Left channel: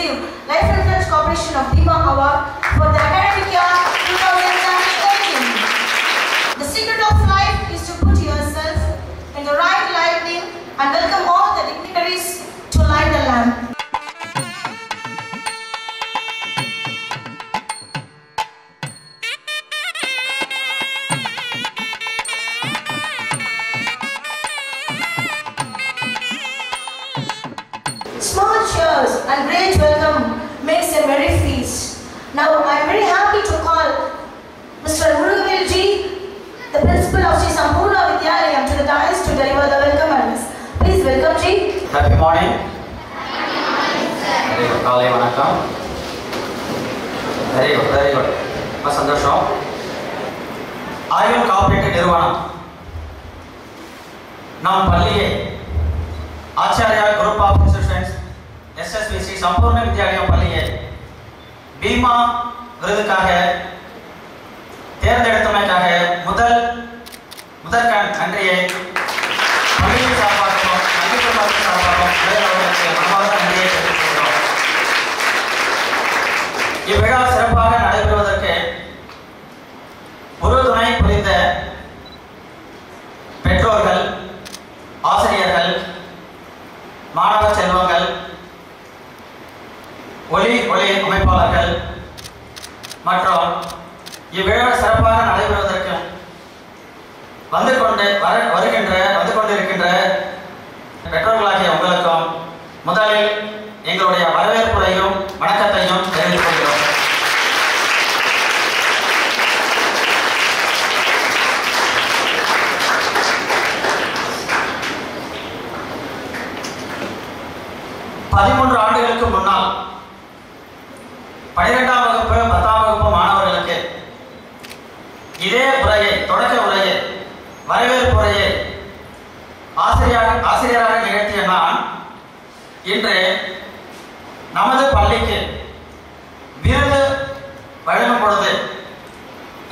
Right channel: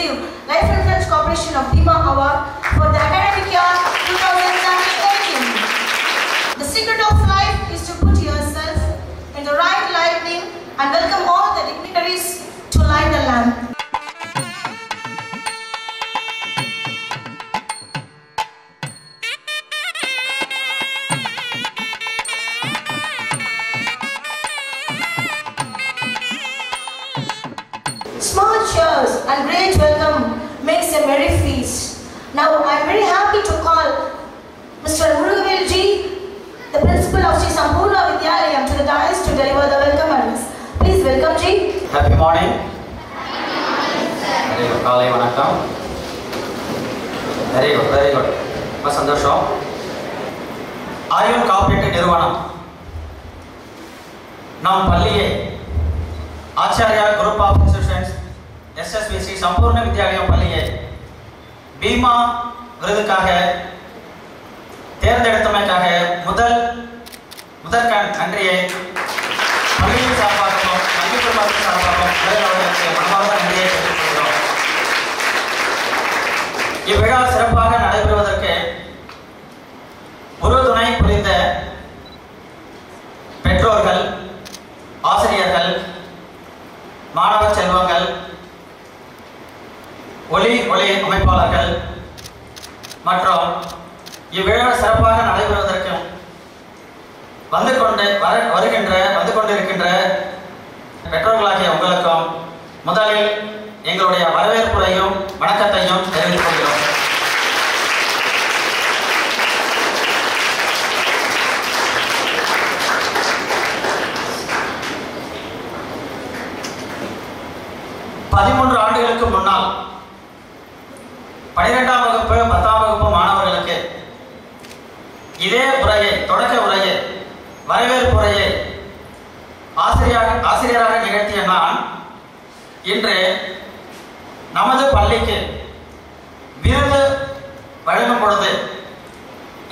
receive Life Reference Corporation of Bima Award for the academic year 2017. The secret of life is to put yourself in the right lighting and welcome all the dignitaries to light the lamp. Small cheers and great welcome makes a merry feast. Now I am very happy to call Mr. Murugavel Ji, the principal of Sri Sampurna Vidyalayam, to the dais to deliver the welcome address. Please welcome Ji. Happy morning. Very good. Kaalai vanakkam. Very good. Very good. ரொம்ப சந்தோஷம். ஆயுள் காப்பீட்டு நிறுவனம் நம் பள்ளியை Acharya group of institutions SSVC Sampoorna Vidyalayam பள்ளியை பீமா விருதுக்காக தேர்ந்தெடுத்தமைக்காக முதல் நன்றியை பள்ளியின் சார்பாகவும் கல்வி குழுமத்தின் சார்பாகவும் அவர்களுக்கு மனமார்ந்த நன்றியை தெரிவித்துக் கொள்கிறோம். இவ்விழா சிறப்பாக நடைபெறுவதற்கு உறுதுணை புரிந்த பெற்றோர்கள், ஆசிரியர்கள், மாணவ செல்வங்கள், ஒளி அமைப்பாளர்கள் மற்றும் இவ்விழா சிறப்பாக நடைபெறுவதற்கு வந்து கொண்டிருக்கின்ற பெற்றோர்களாகிய உங்களுக்கும் முதலில் எங்களுடைய வரவேற்புரையும் வணக்கத்தையும் தெரிவித்துக் கொள்கிறோம். ஆண்டுகளுக்கு முன்னால் 12ஆம் வகுப்பு 10ஆம் வகுப்பு மாணவர்களுக்கு இதே உரையை, தொடக்க உரையை, வரவேற்பு உரையை ஆசிரியராக நிகழ்த்திய நான் இன்று நமது பள்ளிக்கு விருது வழங்கும் பொழுது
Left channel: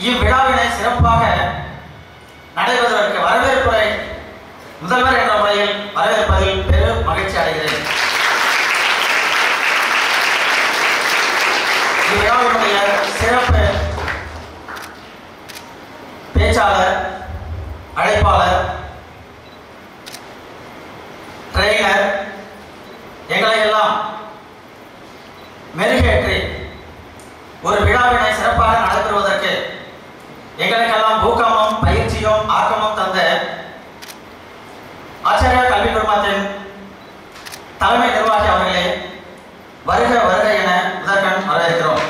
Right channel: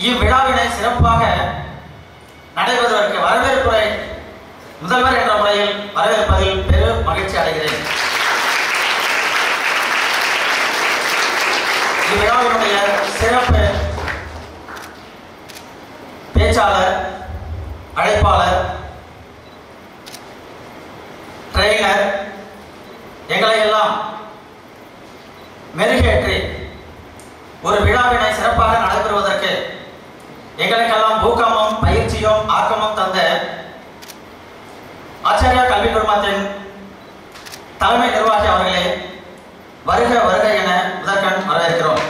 இவ்விழாவினை சிறப்பாக நடைபெறுவதற்கு வரவேற்புரை முதல்வர் என்ற முறையில் வரவேற்பதில் பெரும் மகிழ்ச்சி அடைகிறேன். இவ்விழாவினுடைய சிறப்பு பேச்சாளர், அழைப்பாளர், ட்ரெயினர் எங்களை எல்லாம் மெருகேற்றி ஒரு விழாவினை சிறப்பாக நடைபெறுவதற்கு எங்களுக்கெல்லாம் ஊக்கமும் பயிற்சியும் ஆக்கமும் தந்த ஆச்சாரியா கல்வி குழுமத்தின் தலைமை நிர்வாகி அவர்களே, வருக வருக என முதற்கண் வரவேற்கிறோம்.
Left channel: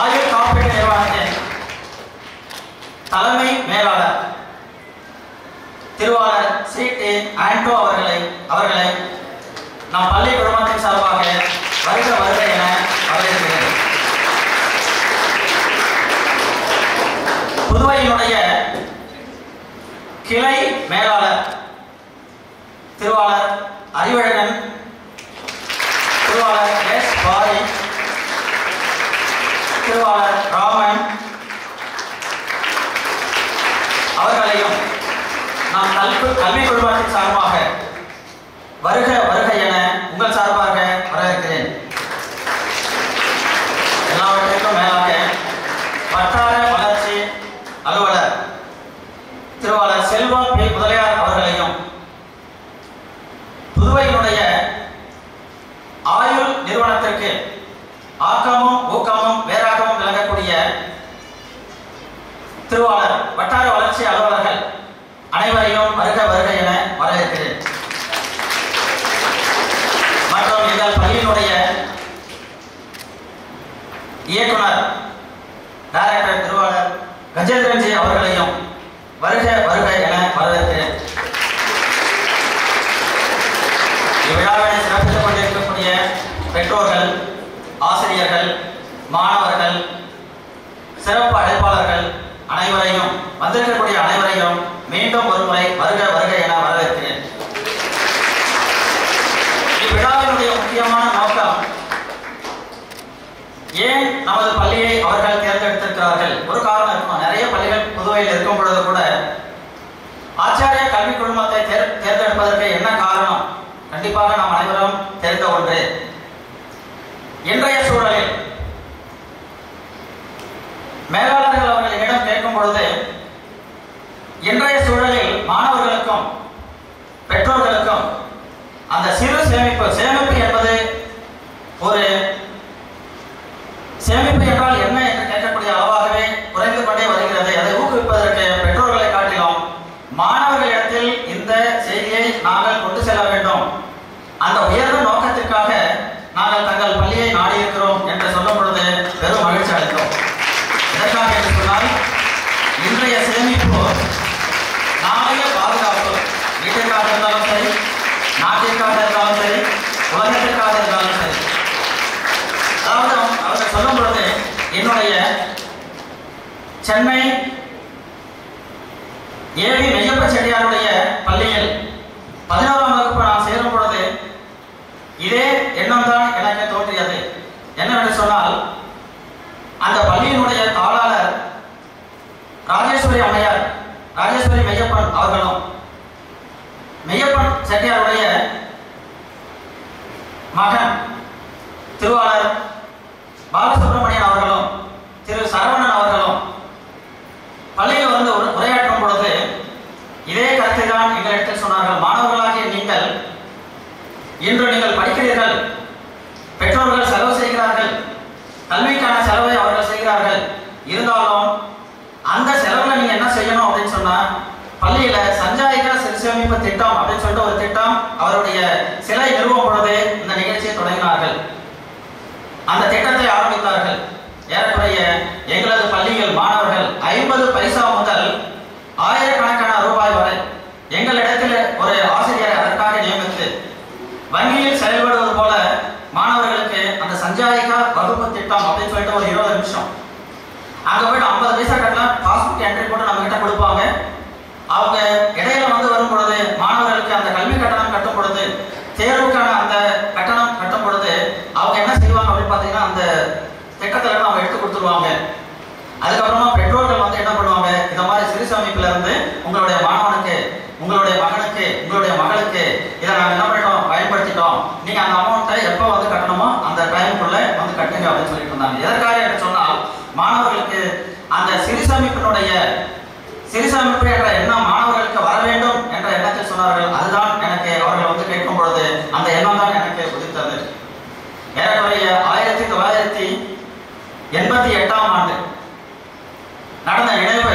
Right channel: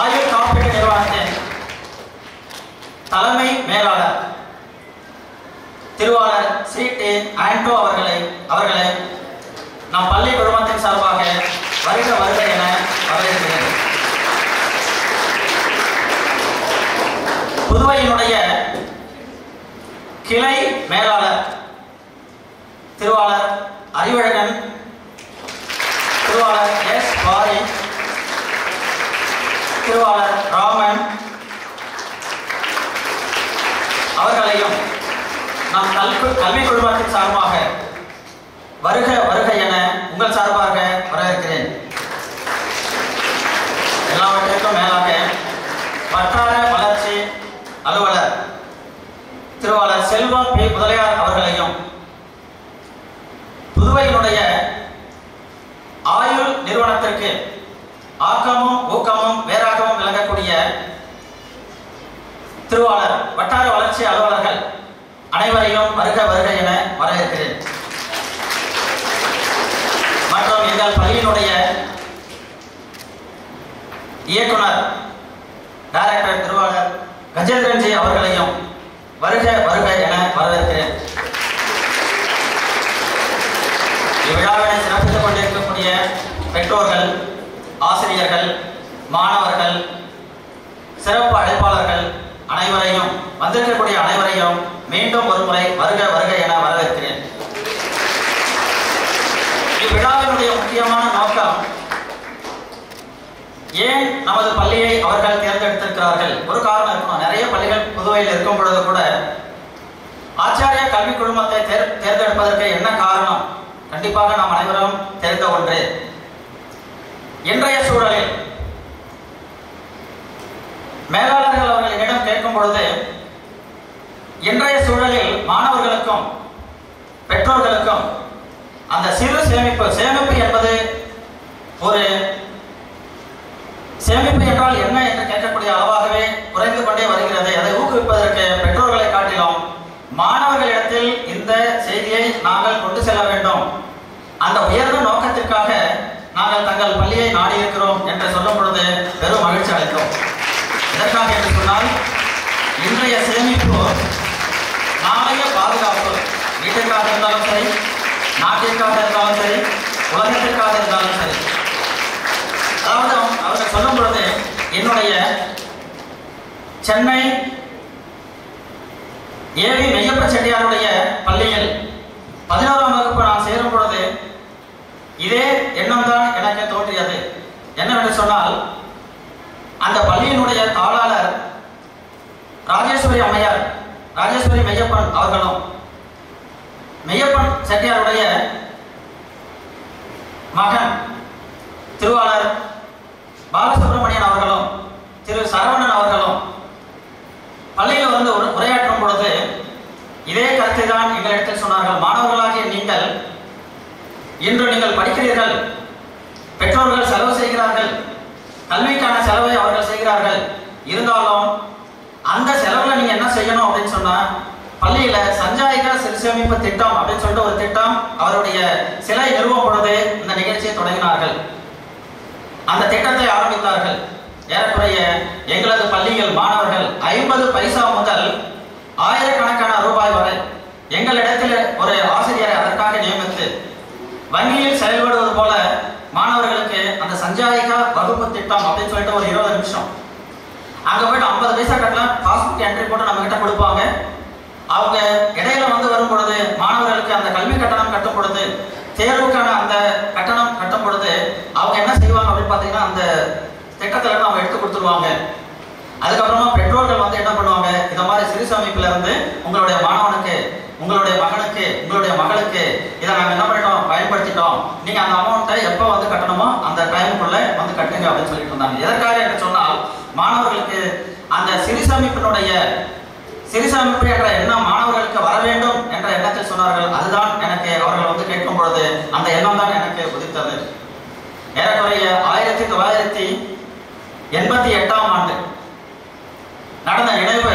ஆயுள் காப்பீட்டு நிறுவனத்தின் தலைமை மேலாளர் திருவாளர் ஸ்ரீ டி. ஆண்டோ அவர்களை நம் பள்ளி குழுமத்தின் சார்பாக வருக வருக என வரவேற்கிறேன். புதுவையினுடைய கிளை மேலாளர் திருவாளர் அறிவழகன், திருவாளர் எஸ். பாரி, திருவாளர் ராமன் அவர்களையும் நாம் கல்வி குழுமத்தின் சார்பாக வருக வருக என உங்கள் சார்பாக வரவேற்கிறேன். எல்லாவற்றிற்கும் மேலாக வட்டார வளர்ச்சி அலுவலர் திருவாளர் செல்வம் பி. முதலியார் அவர்களையும் புதுவையினுடைய ஆயுள் நிறுவனத்திற்கு ஆக்கமும் ஊக்கமும் வேறாகவும் விளங்கக்கூடிய திருவாளர் வட்டார வளர்ச்சி அலுவலர்கள் அனைவரையும் வருக வருக என வரவேற்கிறேன். மற்றும் எங்கள் பள்ளியினுடைய இயக்குனர் டைரக்டர் திருவாளர் கஜேந்திரன்ஜி அவர்களையும் வருக வருக என வரவேற்கிறேன். இவ்விழாவினை சிறப்பித்துக் கொண்டிருக்கக்கூடிய பெற்றோர்கள், ஆசிரியர்கள், மாணவர்கள், சிறப்பு அழைப்பாளர்கள் அனைவரையும், வந்திருக்கக்கூடிய அனைவரையும் மீண்டும் ஒரு முறை வருக வருக என வரவேற்கிறேன். இவ்விழாவினுடைய முக்கியமான நோக்கம், ஏன் நமது பள்ளியை அவர்கள் தேர்ந்தெடுத்திருக்கிறார்கள்? ஒரு காரணம் இருக்கணும். நிறைய பள்ளிகள் புதுவையில் இருக்கும் பொழுது கூட ஆச்சாரிய கல்வி குழுமத்தை தேர்ந்தெடுப்பதற்கு என்ன காரணம்? கண்டிப்பாக நாம் அனைவரும் தெரிந்த ஒன்று. இன்றைய சூழலில் மேலாளர்கள் அவர்களிடம் கேட்கும் பொழுது, இன்றைய சூழலில் மாணவர்களுக்கும் பெற்றோர்களுக்கும் அந்த சிறு சேமிப்பு என்பது ஒரு சேமிப்பு என்றால் என்ன என்று கேட்கக்கூடிய அளவாகவே குறைந்து கொண்டே வருகிறது. அதை ஊக்குவிப்பதற்கு பெற்றோர்களை காட்டிலும் மாணவர்களிடத்தில் இந்த செய்தியை நாங்கள் கொண்டு செல்ல வேண்டும். அந்த உயர்ந்த நோக்கத்திற்காக நாங்கள் தங்கள் பள்ளியை நாடியிருக்கிறோம் என்று சொல்லும் பொழுது பெரும் மகிழ்ச்சி அளித்தோம். எதற்காக என்று சொன்னால், இன்றைய சேமிப்பு நாளைய பாதுகாப்பு. வீட்டிற்காக இருந்தாலும் சரி, நாட்டிற்காக இருந்தாலும் சரி, உலகத்திற்காக இருந்தாலும் சரி. அதாவது அவர்கள் சொல்லும் பொழுது, என்னுடைய சென்னை ஏவி மெய்யப்ப செட்டியாருடைய பள்ளியில் 11ஆம் வகுப்பு நான் சேரும் பொழுது இதே எண்ணம் தான் எனக்கு தோன்றியது. என்னவென்று சொன்னால், அந்த பள்ளியினுடைய தாளாளர் ராஜேஸ்வரி அம்மையார், ராஜேஸ்வரி மெய்யப்பன் அவர்களும், மெய்யப்பன் செட்டியாருடைய மகன் திருவாளர் பாலசுப்ரமணியன் அவர்களும் திரு சரவணன் அவர்களும் பள்ளியில் வந்து உரையாற்றும் பொழுது இதே கருத்தை தான் எங்களிடத்தில் சொன்னார்கள். மாணவர்களாகிய நீங்கள் இன்று நீங்கள் படிக்கிறீர்கள், பெற்றோர்கள் செலவு செய்கிறார்கள், கல்விக்கான செலவை அவர்கள் செய்கிறார்கள். இருந்தாலும் அந்த செலவுல நீங்க என்ன செய்யணும் அப்படின்னு சொன்னா, பள்ளியில சஞ்சாயிக சிறு சேமிப்பு திட்டம் அப்படின்னு சொல்லிட்டு ஒரு திட்டம் அவருடைய சிலை நிறுவம் பொழுது இந்த நிகழ்ச்சியை தொடங்கினார்கள். அந்த திட்டத்தை ஆரம்பித்தார்கள். ஏறக்குறைய எங்களது பள்ளியில் மாணவர்கள் 50 பைசா முதல் ஆயிரக்கணக்கான ரூபாய் வரை எங்களிடத்தில் ஒரு ஆசிரியரை அதற்காக நியமித்து வங்கியில் செயல்படுவது போல மாணவர்களுக்கு அந்த சஞ்சாயிகா வகுப்பு திட்டம் அப்படின்னு சொல்லிட்டு ஒரு 20 நிமிஷம் அங்க போயிட்டு 50 பைசா கட்டலாம், பாஸ்புக் என்ட்ரி போட்டு நம்ம கிட்ட கொடுப்பாங்க. அவங்க இடையில வந்து வரும் பொழுது மாணவர்களுக்கு அந்த கல்வி கட்டணம் கட்டும் பொழுது, தேர்வுக்கான அந்த கட்டணம் கட்டும் பொழுது அவங்க என்ன செய்வாங்க அப்படின்னு பாத்தீங்கன்னா, அந்த திட்டத்துல அவங்க எடுத்து கொடுத்துருவாங்க. அதுக்கப்புறமா பெற்றோர்கள் வந்து என்ன பண்ணுவாங்க, இந்த மாதிரி சிறு சேமிப்புல இருந்து உங்களுடைய மாணவனுக்கு, உங்களுடைய மகனுக்கு, உங்களுடைய மகளுக்கு இதை நாங்க என்ன பண்ணிட்டோம், பயன்படுத்திட்டோம், நீங்க அந்த அமௌண்ட்டை எப்போ வந்து கட்டணுமோ அந்த டைமுக்குள்ள வந்து கட்டுங்க அப்படின்னு சொல்லிட்டு இருந்தாங்க. எதற்காக என்று சொன்னால், மாணவர்களுக்கு அந்த சிறு சேமிப்பு என்ற எண்ணம் மாணவர்களுக்கு வர வேண்டும் என்ற எண்ணத்தில் சொன்னார்கள். அதுதான் எனக்கு அவர்கள் வந்து கேட்கும் பொழுது அந்த எண்ணம் தான் எனக்கு உதித்தது. ஏறக்குறைய 1988ஆம் ஆண்டு நடந்த நினைவு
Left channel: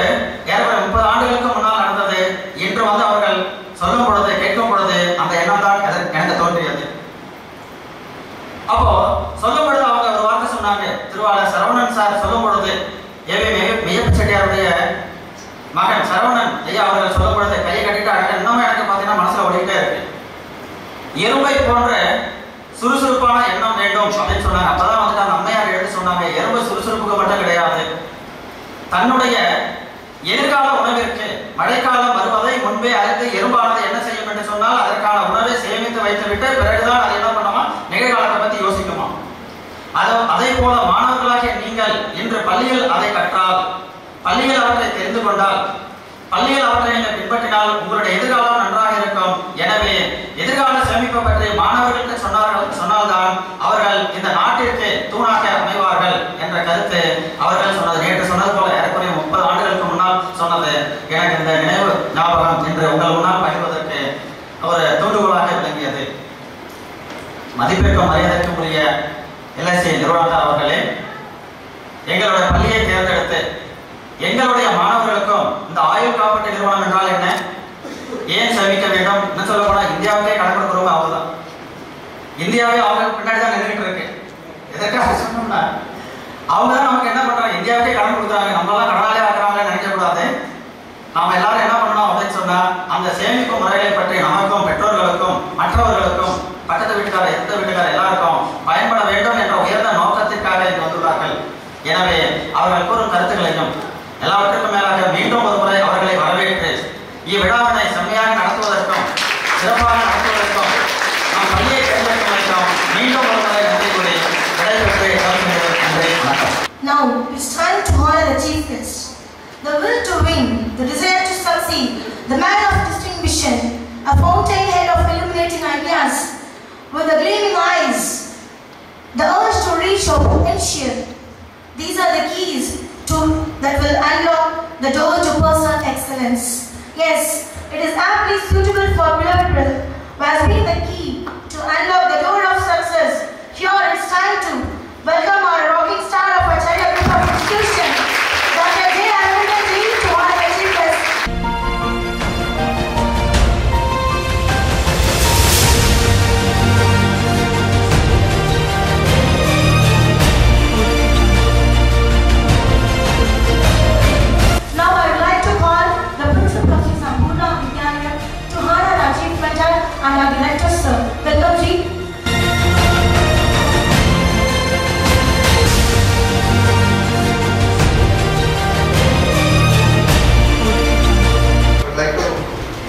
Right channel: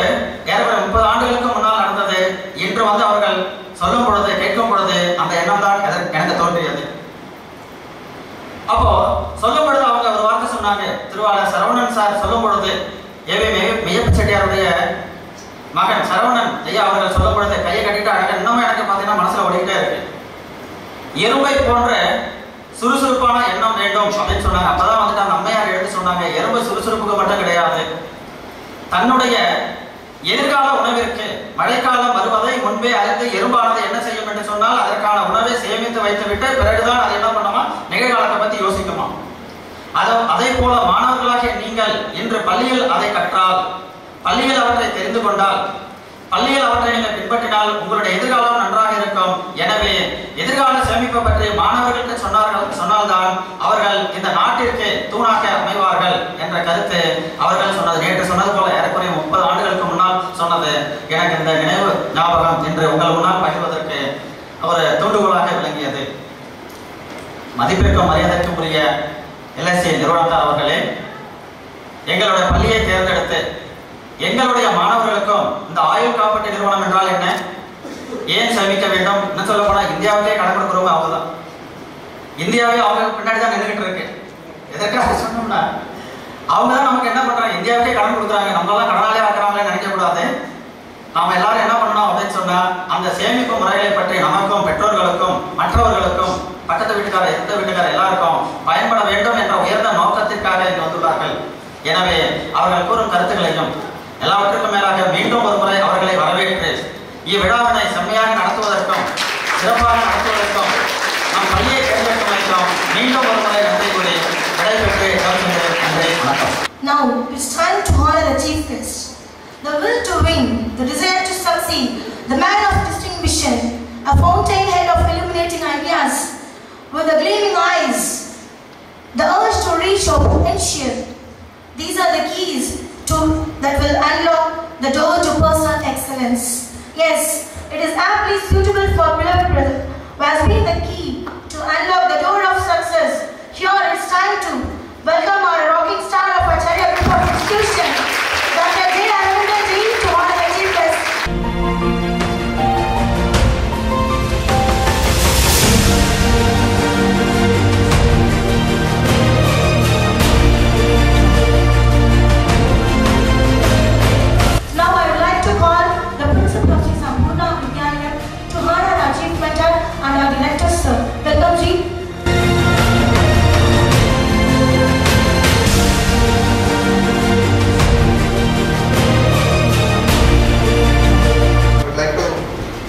ஏறக்குறைய 30 ஆண்டுகளுக்கு முன்னால் நடந்தது. இன்று வந்து அவர்கள் சொல்லும் பொழுது, கேட்கும் பொழுது அந்த எண்ணம் தான் எனக்கு தோன்றியது. அப்போ சொல்லும் பொழுது அவங்க ஒரு வார்த்தை சொன்னாங்க. திருவாளர் சரவணன் சார் சொல்லும் பொழுது, மெய்யப்ப செட்டியாருடைய மகன் சரவணன் ஐயா அவர்கள் சொல்லும் பொழுது கையை கட்டிட்டு அழக இன்னமும் எனக்கு பார்த்தீங்கன்னா மனசுல ஓடிக்கிட்டே இருக்கு. எறும்பை போன்ற சுறுசுறுப்பான எண்ணம் வேண்டும் அப்படின்னு சொன்னாங்க. அப்பதான் வந்து அந்த அம்மையார் எடுத்து சொன்னாங்க, எறும்பு சுறுசுறுப்புக்கு மட்டும் கிடையாது, தன்னுடைய எதிர்கால உணவிற்கு மழைக்காலம் வருவதை முன்பே அறிந்து எறும்பானது என்ன செய்யும் என்று சொன்னால், அதற்கான உணவை சேமித்து வைத்துவிட்டு பிறகுதான் அது என்ன பண்ணுமா, நிகழ்காலத்தை பத்தி யோசிக்குமா. அதே போல மாணவர்களாகிய நீங்கள் இன்று பள்ளியில் அதை கற்றால், பள்ளியில் அவற்றை தெரிந்து கொண்டால், பள்ளியில் அவற்றை நீங்கள் பின்பற்றினால் உங்களுடைய எதிர்காலம் நன்றாக இருக்கும். எனவே எதிர்கால சேமிப்பை பற்றி மாணவர்களுக்கு சொன்னால்தான் அவர்கள் இந்த நாட்டிற்கு தூணாக அமைவார்கள் என்ற கருத்து அவர்கள் சொன்னது. நேற்று சொன்னது போல ஏறக்குறைய 30 ஆண்டுகளுக்கு முன்னால் சொன்னது எனக்கு இந்த நினைவு ஞாபகம் இன்று உங்கள் முன்னால் பகிர்வதற்கு ஒரு தூண்டுகோலாக விளங்கியது. மதிப்பிற்கும் மரியாதைக்கும் உரிய LSC நிறுவனர் அவர்களே, எங்களுடைய பள்ளியை தேர்ந்தெடுத்து எங்களுடைய மாணவர்களுக்கும் இந்த ஆயுள் காப்பீட்டு நிறுவனம் என்றால் என்ன, ஏன் சேமிக்க வேண்டும் என்ன சொல்ல போனா, இந்தியாவுக்கே கடன் கொடுக்குறவங்க அவங்கதான். இந்தியாவே அவங்க பின்னாடி தான் நின்றுட்டு இருக்கு. எதற்காக சொன்னோம்னா, அவங்க தான் நமக்கு என்ன பண்றாங்க, இந்தியாவுக்கே கடன் கொடுக்குறாங்க, நம்மளாம் கடனாலே ஆக்குறாங்களே நினைக்க கூடாது. நாம எல்லாரும் என்ன பண்ணணும் அப்படின்னு சொன்னா, அந்த சேமிப்பு முறைகளை பற்றி நமக்கும் பெற்றோர்களுக்கும் மற்றவர்களுக்கும் பக்கத்து வீட்டுக்கார எந்த வீட்டுக்கார எல்லாருக்கும் பயன்பட வேண்டும் என்ற உயர்ந்த நோக்கத்திற்காக இங்கு வந்துள்ளார்கள். எனவே அவர்கள் கூறும் கருத்துக்களையும் எல்லாவற்றுக்கும் மேலாக மீண்டும் ஒரு முறை அவர்களை வரவேற்று இவ்விழாவினை செம்மையாக நடத்துவதற்கும் சிறப்பாக நடத்துவதற்கும் நம் பள்ளியை தேர்ந்தெடுப்பதற்கும் மீண்டும் ஒரு முறை நன்றி கூறி விடைபெற்று நன்றி வணக்கம். Now it's time to honor the chief guest. The will to win, the desire to succeed, the man of a fountainhead of illuminating ideas, with the gleaming eyes, the urge to reach for potential. These are the keys that will unlock the door to personal excellence. Yes, it is aptly suitable for beloved brother, who has been the key to unlock the door of success. Here it's time to welcome our rocking star of Acharya Group of Institution, Dr. J. Arvind Ji, to our achievements. Now I would like to call the principal of Sri Sambhurna Vidyalayam to honor our chief mentor and our director, sir. Welcome, Ji. I'd like to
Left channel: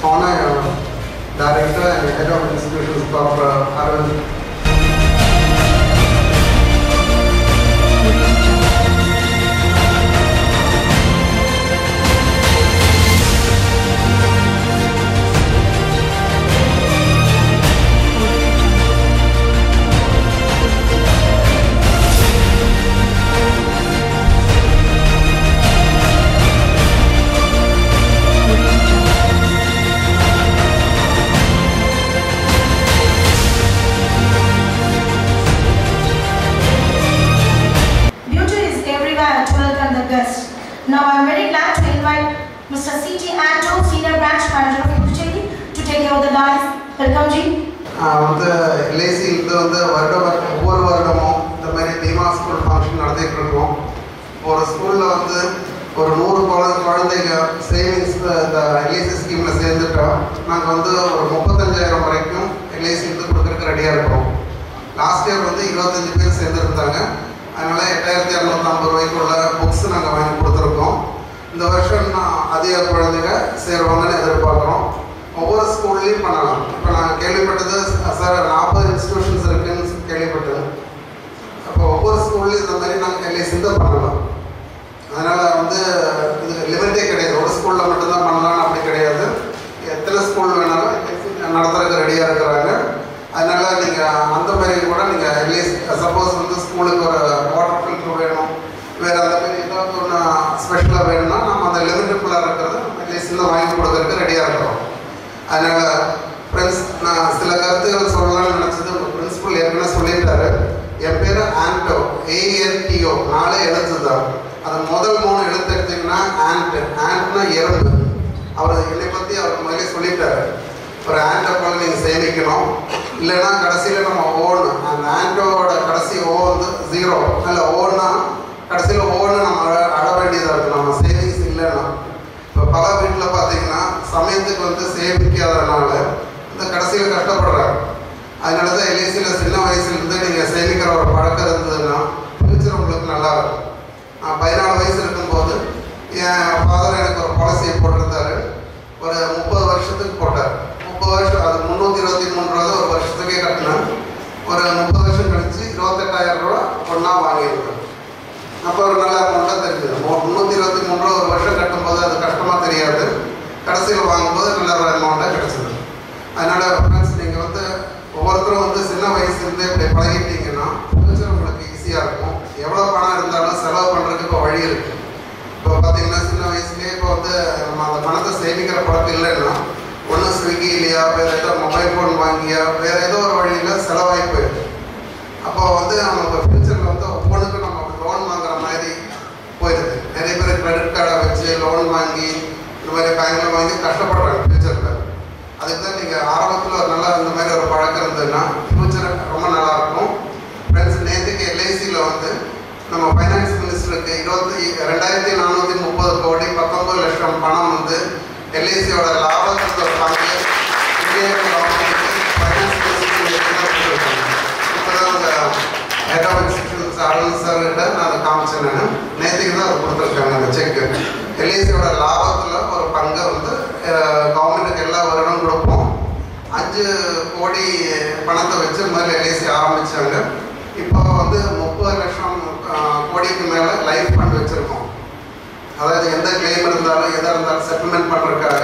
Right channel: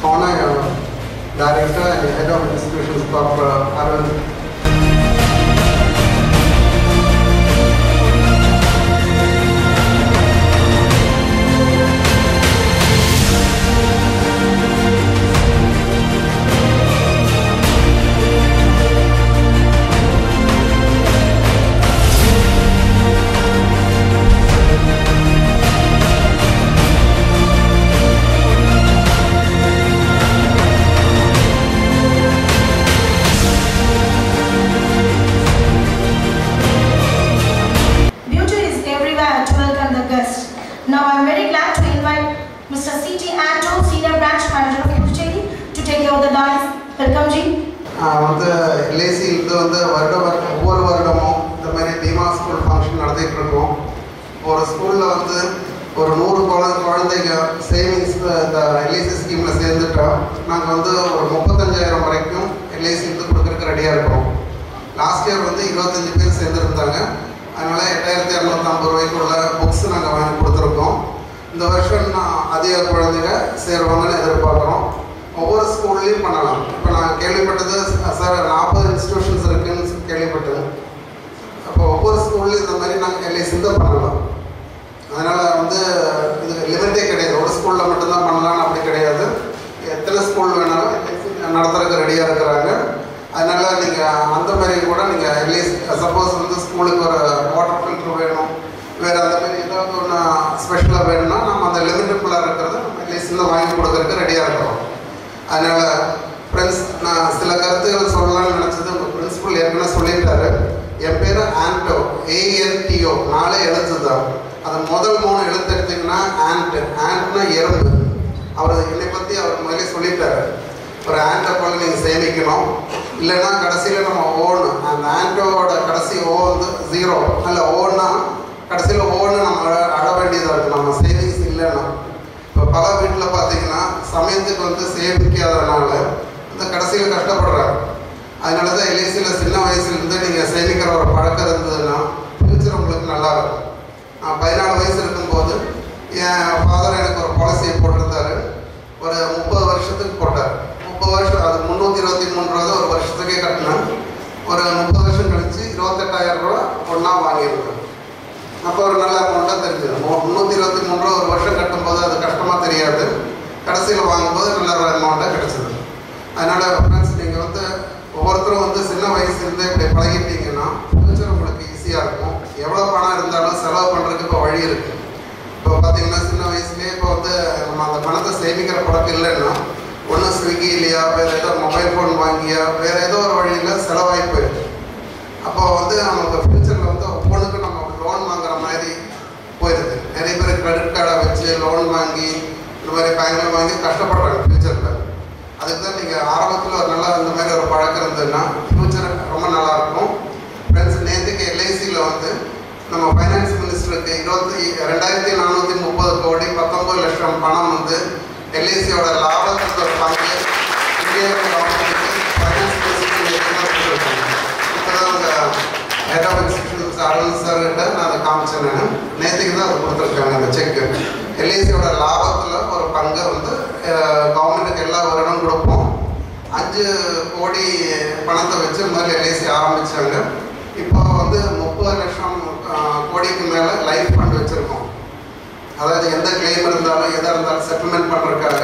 honor Director and Head of Institutions, Dr. Arvind. Now I am very glad to invite Mr. C.T. Anto, Senior Branch Manager of Puducherry, to take over the dais. Welcome, Ji. LIC ஒவ்வொரு வருடமும் இந்த மாதிரி தீமா school function நடத்திட்டு இருக்கோம். ஒரு ஸ்கூலில் ஒரு 100 குழந்தைங்க சேவிங்ஸ் இந்த எல்ஐசி ஸ்கீமில் சேர்ந்துட்டோம். நாங்கள் ஒரு 35,000 வரைக்கும் எல்ஐசி கொடுக்கறதுக்கு ரெடியாக இருக்கோம். லாஸ்ட் இயர் 25 பேர் சேர்ந்துருந்தாங்க. அதனால் 8,250 ரூபாய்க்குள்ள புக்ஸ் நாங்கள் வாங்கி கொடுத்துருக்கோம். இந்த வருஷம் அதிக குழந்தைங்க சேருவாங்கன்னு எதிர்பார்க்குறோம். ஒவ்வொரு ஸ்கூல்லையும் பண்ணலாம். இப்போ நான் கேள்விப்பட்டது சார் 40 இன்ஸ்டியூஷன்ஸ் இருக்குதுன்னு கேள்விப்பட்டேன். அப்போ ஒவ்வொரு ஸ்கூல்லையும் இந்த மாதிரி நாங்கள் எல்ஐசி பண்ணலாம். அதனால் இதுக்கு லிமிட்டே கிடையாது. ஒரு ஸ்கூலில் மட்டும்தான் பண்ணலான்னு அப்படி கிடையாது. எத்தனை ஸ்கூல் வேணாலும் நடத்துறதுக்கு ரெடியாக இருக்கிறாங்க. அதனால் நீங்கள் அந்த மாதிரி கூட நீங்கள் எல்ஐசி சப்போஸ் ஸ்கூலுக்கு ஒரு வாட்டர் ஃபில்ட்ரு வேணும், வேறு அந்த மாதிரி ஏதாவது ஒன்று ஸ்பெஷலாக வேணும்னா நம்ம அந்த லிமிட்டுக்குள்ளாக இருக்கிறத நம்ம எல்ஐசியில் வாங்கி கொடுக்கறதுக்கு ரெடியாக இருக்கிறோம். அதனால் ஃப்ரெண்ட்ஸ், நான் சில கருத்துக்கள் சொல்லலாம்னு நினச்சது உங்கள் பிரின்சிபல் ஏற்கனவே சொல்லியிருக்காரு. என் பேர் ஆண்டோ, ANTO, 4 எழுத்து தான். அது முதல் 3 எழுத்து எடுத்திங்கன்னா ஆண்ட்னா எறும்பு. அவர் என்னை பற்றி அவர் முதலே சொல்லிட்டாரு. ஒரு ஆண்டை போல நீங்கள் சேமிக்கணும், இல்லைன்னா கடைசியில் நம்ம ஓன்னு அந்த ஆண்டோட கடைசி ஓ 0 இல்லை ஓன்னா கடைசியில் ஓன்னு நம்ம அட வேண்டியதாக இருக்குது நம்ம சேவிங்ஸ் இல்லைன்னா. இப்போ பல வீட்டில் பார்த்தீங்கன்னா சமயத்துக்கு சேமிக்காதனால இந்த கடைசியில் கஷ்டப்படுறாங்க. அதனால தான் எல்ஐசியில் சின்ன வயசுலேருந்து நீங்கள் சேமிக்கிற ஒரு பழக்கம் இருந்ததுன்னா ஃபியூச்சர் உங்களுக்கு நல்லாயிருக்கும். நான் 14 வயசு இருக்கும்போது என் ஃபாதர் எனக்கு ஒரு பாலிசியை போட்டிருந்தாரு. ஒரு 30 வருஷத்துக்கு போட்டார். 30 வருஷம், அது 323 ரூபா ஒரு வருஷத்துக்கே கட்டினேன். ஒரு 30 வருஷம் கழிச்சு 28,000 ரூபா ஒன்றா வாங்கியிருக்கேன். அப்போ ஒரு நல்ல அமௌண்ட்டாக தெரிஞ்சுது. 323 ரூபா ஒரு வருஷம் கட்டும்போது அது கஷ்டமாக தெரியாது. கடைசியில் வாங்கும்போது நல்ல ஒரு அமௌண்ட்டாக கிடச்சிது. அதனால் ஃப்ரெண்ட்ஸ், நீங்கள் ஒவ்வொருத்தரும் சின்ன வயசுலேருந்தே இப்படி பழகிட்டீங்கன்னா ஃபியூச்சர் உங்களுக்கு ஈஸியாக இருக்கும். எவ்வளோ பணம் இருந்தாலும் செலவு பண்ணுறதுக்கு இப்போ வழி இருக்குது. இப்போ பார்த்தீங்கன்னா சின்ன வயசுலேயே இப்போ நம்ம அந்த பணத்தை சேமிக்கிற பழக்கம் இல்லைன்னா ஒன்று ஸ்விக்கி இல்லையா, வேறு ஏதோ மொபைல் ஃபோன் வாங்கியா, வேறு ஏதோ ஒரு வழியில் செலவாகி போயிடுது. அப்போ நமக்கு ஃபியூச்சரில் ஒவ்வொன்றுக்கும் நம்ம லோன் வாங்குற மாதிரி போயிடுது. நிறைய பேர் கிரெடிட் கார்டை வச்சு லோன் வாங்கி இந்த மாதிரி பேங்கில் வாங்கி கஷ்டப்படுறாங்க ஃபியூச்சரில். அதுக்கு தான் நீங்கள் ஆரம்பத்தில் ஒரு நல்லா இந்த மாதிரி ஒரு பழக்கம் இருந்ததுன்னா ஃபியூச்சர் ரொம்ப நல்லாயிருக்கும். ஃப்ரெண்ட்ஸ், நேற்றுக்கு எல்ஐசியில் நம்ம ஃபைனான்ஸ் மினிஸ்டருக்கு 2,430 கோடி 19 லட்சம் பணம் எல்ஐசியோட லாபத்தில் ஒரு பங்கு இந்திய கவர்மெண்ட்டுக்கு ஃபைனான்ஸ் மினிஸ்டர் இப்போ தான் அந்த ஹெட் ஆஃப் இன்ஸ்டியூஷன்ஸ் அரவிந்த் சார்கிட்ட நான் அதை காமிச்சேன். நேற்றுக்கு தான் அதை கொடுத்துருக்காங்க அந்த செக்கு. எல்ஐசியோட லாபத்தில் ஒரு பங்கை கவர்மெண்ட்டுக்கு எல்லா வருடம் கொடுப்போம். 5 கோடி பணத்தை வச்சு இந்த மாதிரி எல்ஐசி ஆரம்பித்தாங்க. இப்போ 30 லட்சம் கோடிக்கு மேலே லைஃப் ஃபண்ட் வச்சுருக்கோம். அதாவது எந்த கிளைம் இருந்தாலும் எதாக இருந்தாலும் செட்டில்மெண்ட் பண்ணுறதுக்காக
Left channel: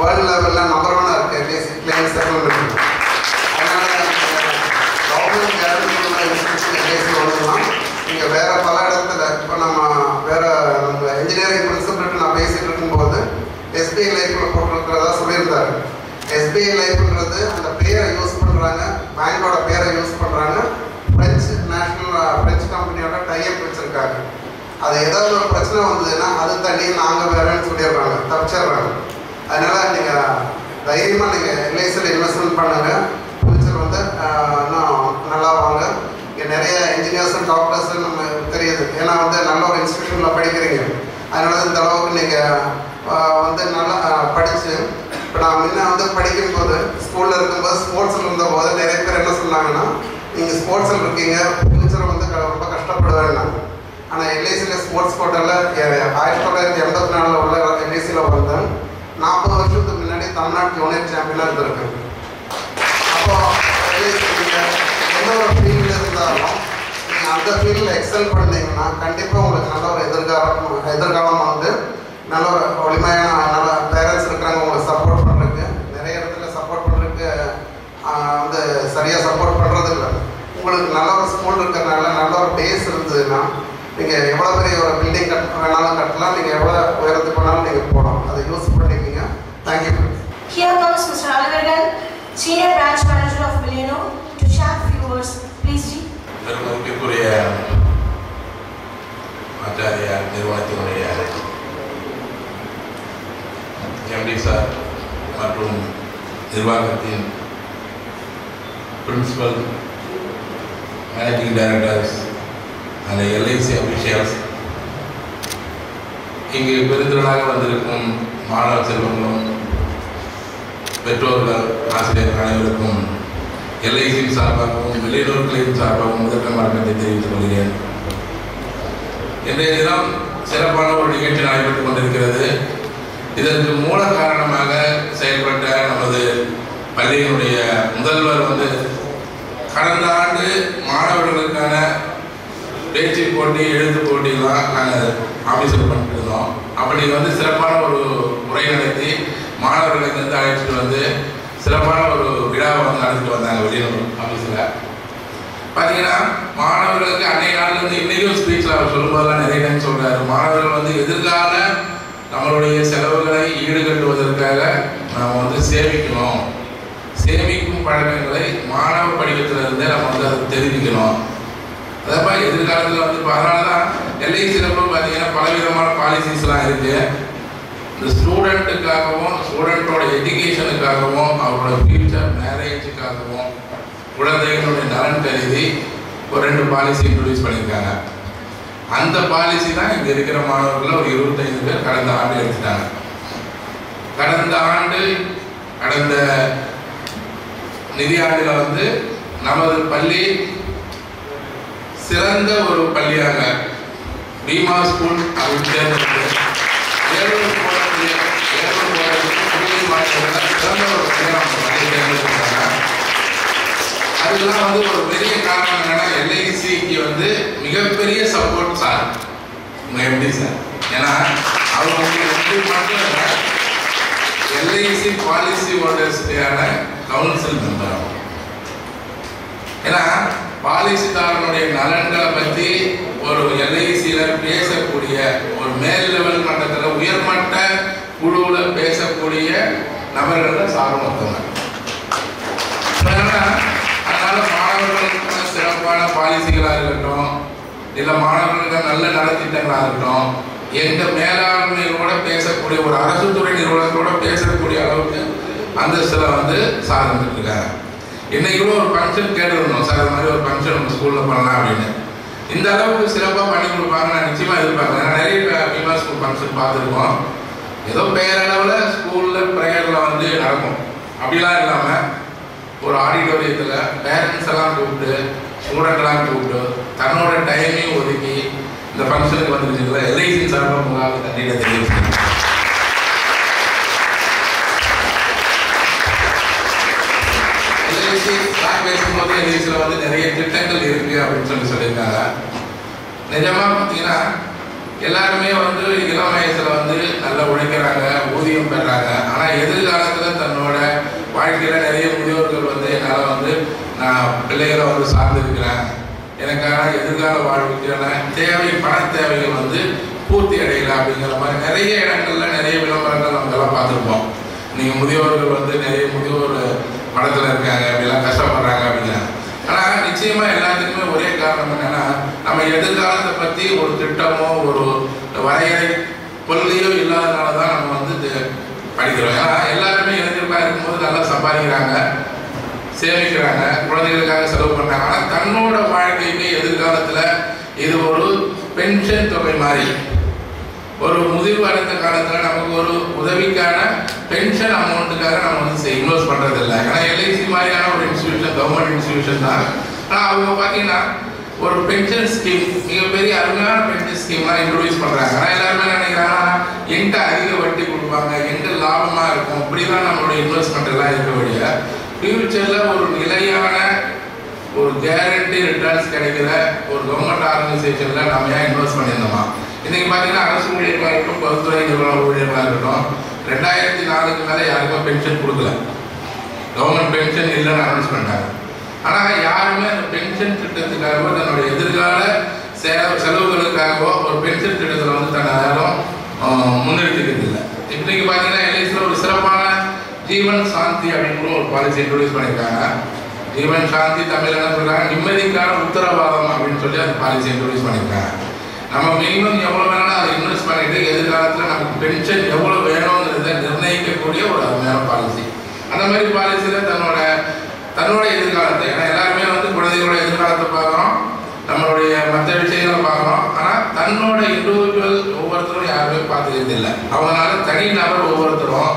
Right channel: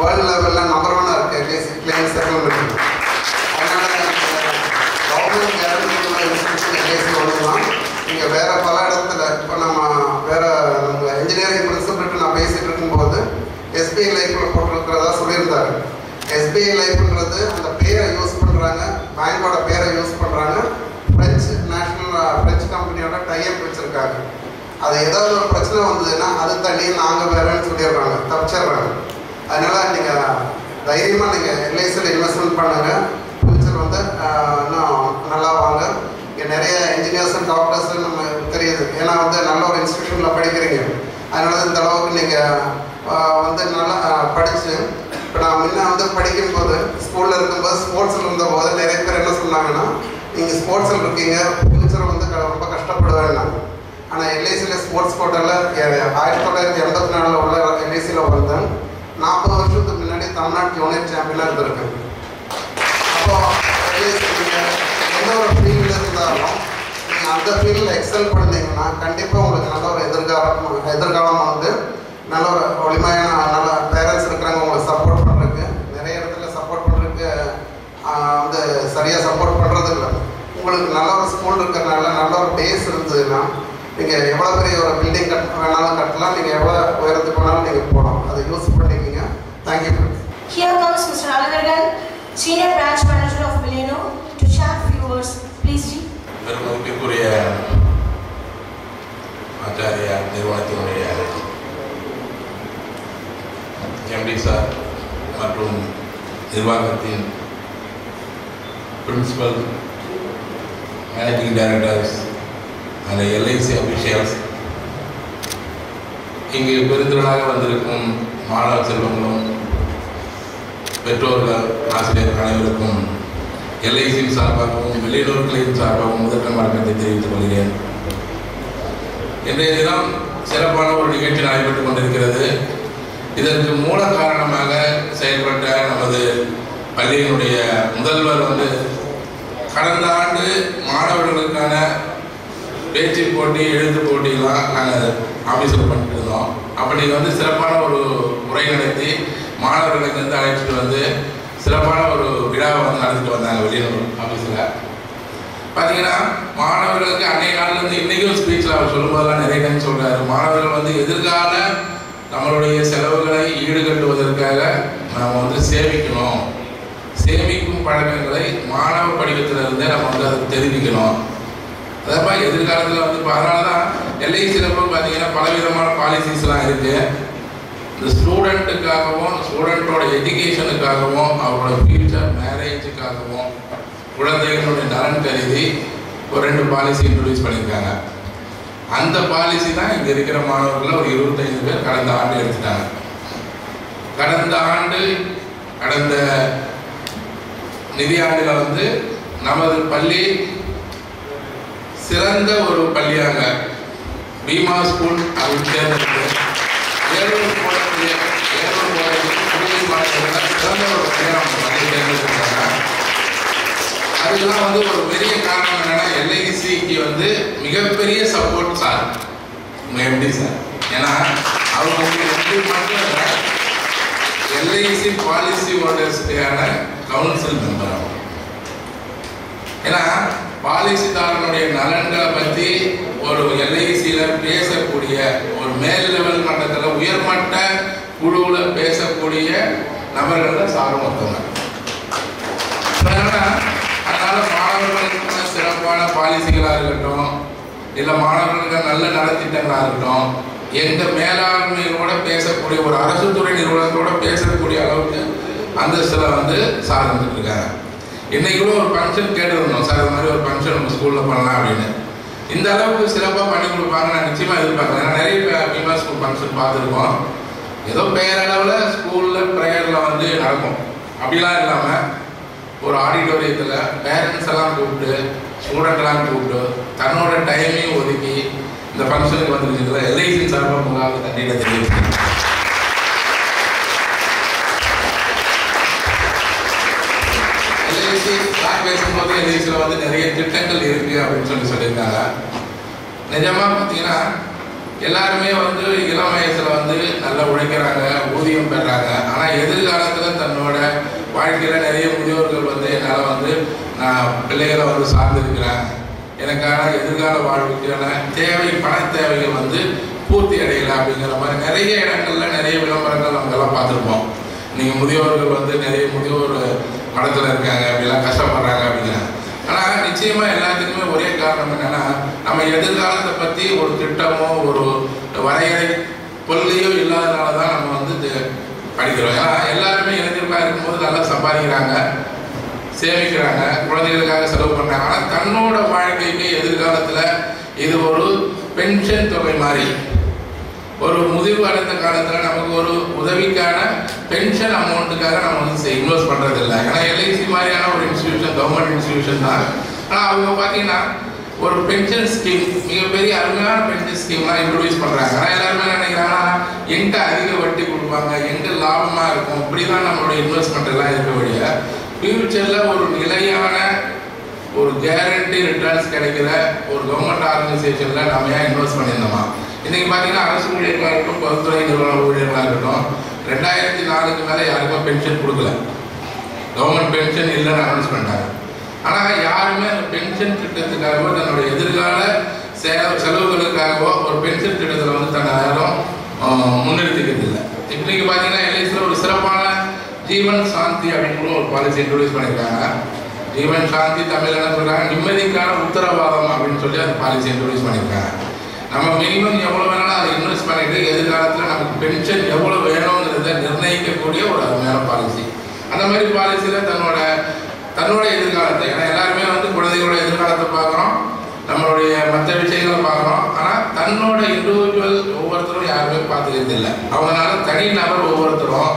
வேர்ல்டு லெவலில் நம்பர் 1 இருக்குது எல்ஐசி ஏடிஎம்ல போட்டிருக்கிறதா சொல்லியிருந்தாரு. எஸ்பிஐ லைஃப்ன்றது அந்த பேரை யூஸ் பண்ணுறாங்க, பேங்கோட பேரை யூஸ் பண்ணுறாங்க, ஃப்ரெஞ்சு கம்பெனியோட டைப் வச்சுருக்காங்க. அது ஏதாவது ஒரு பிரச்சனை வந்ததுன்னா அது தண்ணி நாங்கள் வேறேன்னு சொல்லிடுறாங்க, தப்பிச்சிடுறாங்க. அதனால் நீங்கள் தைரியமாக நீங்கள் எல்ஐசியில் இன்வெஸ்ட்மெண்ட் பண்ணுங்கள். ஃபியூச்சர் வந்து இன்னும் நல்லா வாங்க. இங்கே நிறைய இன்ஜினியர்ஸு டாக்டர்ஸு நம்ம தெரியுது, ஏன்னா வந்து நல்ல ஒரு இன்ஸ்டியூஷனில் படிக்கிறீங்க. அதனால இந்த அளவுக்கு நீங்கள் வந்து நல்லா படித்து, இப்போ நான் முன்ன வந்து படிக்கும்போது ஸ்கூலில் இருக்கும்போது ஸ்போர்ட்ஸில் இருந்தபோது நிறைய பேர் என்ன சொன்னாங்கன்னா, நீங்கள் ஸ்போர்ட்ஸில் இருக்கீங்க, ஃபியூச்சர் வந்து ரொம்ப கஷ்டப்படுவேன்னா. ஆனால் எல்ஐசியில் ஸ்போர்ட்ஸ் கோட்டாவில் 1984 உள்ள எல்ஐசியில் வந்தேன். 40 வருஷத்துக்கு முன்னாடி தமிழ்நாடு ஜூனியர் சாம்பியனாக இருந்திருக்கு. அப்போது எல்ஐசி நீங்கள் எந்த ஒரு ஃபீல்டில் இருந்தாலும் நீங்கள் அந்த ஃபீல்டில் எக்ஸல் பண்ணீங்கன்னா கண்டிப்பாக உங்களுக்கு நல்ல ஒரு எதிர்காலம் வந்து நல்ல ஒரு ஒளிமையான நல்ல பேரண்ட்ஸ் இருக்கிறாங்க உங்களுக்கு சப்போர்ட் பண்ணுறதுக்கு. நிறைய இடத்துல சப்போர்ட் பண்ணுறதுக்கு வந்து சரியாக சப்போர்ட் பண்ணுறது இல்லை. உங்களுக்கு நல்ல ஒரு ஸ்கூல் இருக்கிறதுனால நல்ல ஒரு பேஸ் இருந்ததுன்னா நீங்கள் எவ்வளோ பெரிய ஒரு பில்டிங் வேணாலும் கட்டலாம், நீங்கள் எவ்வளோ உயரத்துக்கு வேணாலும் நீங்கள் போகலாம். அதை யூஸ் பண்ணிக்கிங்க. Thank you. Here comes Mr. Alavargan, Senior Branch Manager of Millennium, to share few words. Please, Ji. பெருமதிப்பிற்குரிய ஆச்சாரியா நிறுவனத்தினுடைய எம்டி சார் மற்றும் நிர்வாகத்தின் பிரின்சிபல், மேனேஜிங் டைரக்டர்ஸ் அந்த எல்ஐசி அஃபிஷியல்ஸ், இங்கு பெருந்திரளாக வந்திருக்கும் மாணவ செல்வங்களும் பெற்றோர்கள், ஆசிரியர்கள் அனைவருக்கும் எல்ஐசியின் சார்பாகவும் வெளியூர் கிளையின் சார்பாகவும் முதற்கம் வணக்கத்தை தெரிவித்துக் கொள்கிறேன். இன்றைய தினம் சிறப்பான ஒரு நிகழ்ச்சி நடைபெற்றுக் கொண்டிருக்கிறது. இதற்கு மூல காரணமாக செயல்பட்ட நமது பள்ளியினுடைய முதல்வர் வந்து கடந்த ஆண்டு மாணவர்களுக்கான பேச்சு போட்டி, எழுத்து போட்டியெல்லாம் நாங்கள் ஆஃபீஸில் பண்ணிட்டு இருந்தோம். அப்படி வந்து சிறப்பான ஒரு உரை நடத்தி மாணவர்களுக்கு வந்து அழைச்சிட்டு வந்து சிறப்பான ஒரு விழாவை வந்து நடத்திட்டு வந்தாங்க வெளியூர் ஆஃபீஸில். பார்த்தீங்கன்னா மாணவர்களுக்கு அன்றைய நாள்லேருந்து இன்றைக்கும் ஸ்பீச்சில் அவர் சொல்லும்போதெல்லாம் நிறைய டைம் சொல்கிறாரு, மாணவர்கள் வந்து எதிர்கால நம்மளுடைய செலவுகளை ஈடுகட்டுவதற்காக நாம் வந்து சேமிக்கணும், சேமிக்கும் பழக்கங்களை மாணவ படிக்கத்திலிருந்தே நம்ம வந்து அதை தெரிவிக்கணும். அதப்பா எதிர்காலத்தில் வந்து இப்போ அதனால தான் எல்ஐசியில் பார்த்தீங்கன்னா பலவிதமான பாலிசிஸ்லாம் இருக்குது. இந்த ஸ்டூடெண்ட்டுக்காகவும் ஸ்டூடெண்ட்டோட எஜுகேஷனுக்காகவும் அவரோட ஃபியூச்சர் மேரேஜுக்காகவும் குழந்தைகளுடைய நலன் கருதி ஒரு 2 பாலிசி இன்ட்ரடியூஸ் பண்ணியிருக்காங்க. அந்த பாலிசி தான் இங்கே இருக்கிற மாணவர்கள் ஒரு 25 பேர் கடந்த ஆண்டு எடுத்துட்டாங்க. கடந்த நிதியாண்டில் வந்து நமது பள்ளி சிறந்த ஒரு பள்ளியாக பீமா ஸ்கூல் அப்படின்னு தேர்ந்தெடுத்து ஏழூர் போடக்கூடிய சிறந்த ஒரு பள்ளியாக நம்ம பள்ளி தேர்ந்தெடுக்கிறாங்க. அதுக்கெல்லாம் வந்து ஒரு பெரிய காரணம் என்னன்னா எல்ஐசிக்கு வந்து மிகப்பெரிய சப்போர்ட் சார் எப்படி சார், ஏன்னா அவங்க மட்டும் இல்லை எல்ஐசி பாலிசி ஹோல்டர்ஸ்க்கான கவுன்சில் மெம்பர் ஆகும். ஏன்னா பாலிசிதாரனுடைய நலன்களை பற்றி ஒரு எல்ஐசியில் பேசக்கூடிய ஒரு மேல் லெவல் மட்டத்தில் உயர்மட்ட குழுவில் பேசக்கூடிய நபர்கள் சாரும் ஒருத்தவங்க. அதனால மாணவர்களுக்கான சிறப்பான பாலிசிகளாக இருக்கட்டும், இல்லை மாணவர்களுக்கு நல்ல நலத்திட்டங்களாக இருக்கட்டும், எங்கள் மேலாண்மையோட பேசக்கூடிய ஒரு அரசு துறை நிறுவனத்தோட பேசக்கூடிய அளவுக்கு அந்தஸ்தில் வந்து சார் வந்துட்டு இருக்காங்க. இன்னைக்கு கூட ஒரு ஃபங்க்ஷன் கேட்டுருந்தோம் சார், இந்த மாதிரி ஒரு ஃபங்க்ஷன் நம்ம ஸ்கூலில் பண்ணலாம் அப்படின்னு. இந்த அளவுக்கு சிறப்பாக பண்ணி கொடுப்பாங்க நான் நிச்சயமாக எதிர்பார்க்குறேன். ஏன்னா நிறைய பீமா ஸ்கூல் ஃபங்க்ஷன் பார்த்துருக்கோம். ஏதோ பெயரளவில் ஸ்கூலில் ப்ரேயரில் வந்து நடக்கும், அப்படிலாம் இல்லாமல் ஒரு ஆடிட்டோரியத்தில் பேரண்ட்ஸ் எல்லாம் கூப்பிட்டு ஸ்டூடெண்ட்லாம் கூப்பிட்டு தன்னோட டைமையும் ஒதுக்கி இந்த ஃபங்க்ஷனுக்கு வந்துருச்சுங்களா எல்ஐசியின் சார்பாக உங்களால் தண்ணியில தெரிவிச்சு. எல்ஐசி நான் பேசும்போது எல்ஐசியில் வந்து நிறைய திட்டங்கள் இருக்குது அப்படின்னு சொல்லியிருக்காங்க. நிஜமாக பார்த்தீங்கன்னா எல்லாருமே வந்து இளம் வயசில் வந்து நல்லா உழைக்கிறாங்க, ஊதியம் பெறாங்க. ஆனால் எதிர்காலத்தில் தன்னோட வாழ்க்கையில் நிறைய முதியோர்கள் வந்து என்னால் வந்து நான் பிள்ளைகளை வந்து சார்ந்திருக்கிறேன், எனக்கான எதிர்கால வாழ்வுக்கான தேவை பண தேவைகள் வந்து பூர்த்தி அடையலை அப்படிங்கிற மாதிரி நிறைய இடங்கள்ல நிறைய விளம்பரங்கள் நமக்கெல்லாம் பார்த்துருப்போம். நீங்கள் முதியோர்கள் வந்து நிறைய முதியோர் மடத்தில் இருக்காங்க, அப்படிலாம் கஷ்டப்படுறாங்க அப்படிங்கிறாங்க. ஆனால் நிச்சயமாக எல்லாத்துக்குமே ஒரே காரணம் என்னென்னா, நம்ம எதிர்காலத்தை பற்றி ஒரு திட்டமோ ஒரு வரையறை கொள்கையோ இல்லாதனால தான் நம்ம வந்து படிக்கிறோம். ஏன்னா எல்லாருமே இளைஞர்களாக இருக்கும்போது நல்லா சம்பாதிக்கிறாங்க, சேமிக்கிறாங்க, குழந்தைகளுக்காக செலவு பண்ணுறாங்க. ஆனால் தன்னோட வாழ்க்கைக்கு எதிர்காலத்தில் இது ஒரு பென்ஷன் தொகை மாதிரி, ஒரு முதிர்வு அடைந்த காலத்தில் நமக்கு ஒரு உதவிக்கான பென்ஷன் அமௌண்ட்டுக்காக நம்ம வந்து இன்வெஸ்ட் பண்ணுறது இல்லை. ஏன்னா எல்ஐசி மாதிரியான ஒரு இன்ஸ்டிடியூஷன், கவர்மெண்ட் இன்ஸ்டிடியூஷன் தான். ஆனால் அவங்க பார்த்தீங்கன்னா ஒரு பென்ஷன் ஸ்கீம், மிகப்பெரிய அருமையான பென்ஷன் ஸ்கீம்லாம் இன்ட்ரோடியூஸ் பண்ணுறாங்க. ஆனால் எல்லாருமே நினைக்கிறாங்கன்னா எங்கே அதிக வட்டி கொடுப்பாங்க, எங்கே லாபமாக இருக்கும், இப்படி தான் நம்மளுடைய இன்வெஸ்ட்மெண்ட் எல்லாம் இருக்க வழிய ஃபியூச்சரில் ஒரு நிலையான ஒரு கேரண்டி ரிட்டர்ன்ஸ் கிடைக்கிற ஒரு கவர்மெண்ட் ஆர்கனைசேஷனில் நம்ம ஏன் இன்வெஸ்ட் பண்ணியிருந்தோமா? இன்றைக்கி பார்த்தீங்கன்னா அரசு ஊழியர்களாக இருக்கட்டும், பொதுத்துறை நிறுவன ஊழியர்களாக இருக்கட்டும், 2004க்கு மேலே யாருக்கும் பென்ஷன் கொடுக்கல, கவர்மெண்ட் பென்ஷன் இல்லைன்னு அனௌன்ஸ் பண்ணிட்டாங்க. ஆனால் யாருமே அந்த பென்ஷன் திட்டத்துக்காகவோ தன்னுடைய எதிர்கால செலவுகளுக்காகவோ ஒரு பென்ஷன் திட்டத்தில் வந்து தன்னை யாரும் முன்னெடுத்துக்கிறது இல்லை. இன்றைக்கு பார்த்தீங்கன்னா எல்ஐசியில் ஒரு சிறப்பான ஜீவன் சாந்தி அப்படின்னு ஒரு பாலிசி இன்ட்ரோடியூஸ் பண்ணியிருக்காங்க. ஜீவன் சாந்தி தமிழ் என்ன சொல்கிறாங்க, நிம்மதிக்கான உத்தரவாதம் அப்படின்னு சொல்லி அந்த பாலிசி இன்ட்ரோடியூஸ் பண்ணியிருக்காங்க. நம்ம மினிமம் எவ்வளோ வேணாலும் அதை இன்வெஸ்ட் பண்ணிட்டு எதிர்காலத்தில் நமக்கு பென்ஷன் எவ்வளோ வேணுங்கிறத நிர்ணயிக்கக்கூடிய ஒரு அருமையான பாலிசி. அந்த மாதிரி பாலிசியில் தன்னோட எதிர்காலத்தை, ஏன்னா எல்லாருமே வந்து குழந்தைகளோட எதிர்காலத்தை பார்க்குறோம், நம்மளுடைய மற்ற விஷயங்களை பார்க்குறோம். ஆனால் தன்னோட இண்டிவிஜுவல் ஒவ்வொருத்தரும் யாருமே பார்த்துக்கிறது இல்லை. அவங்களால தனிநபர் ஒவ்வொருத்தரும்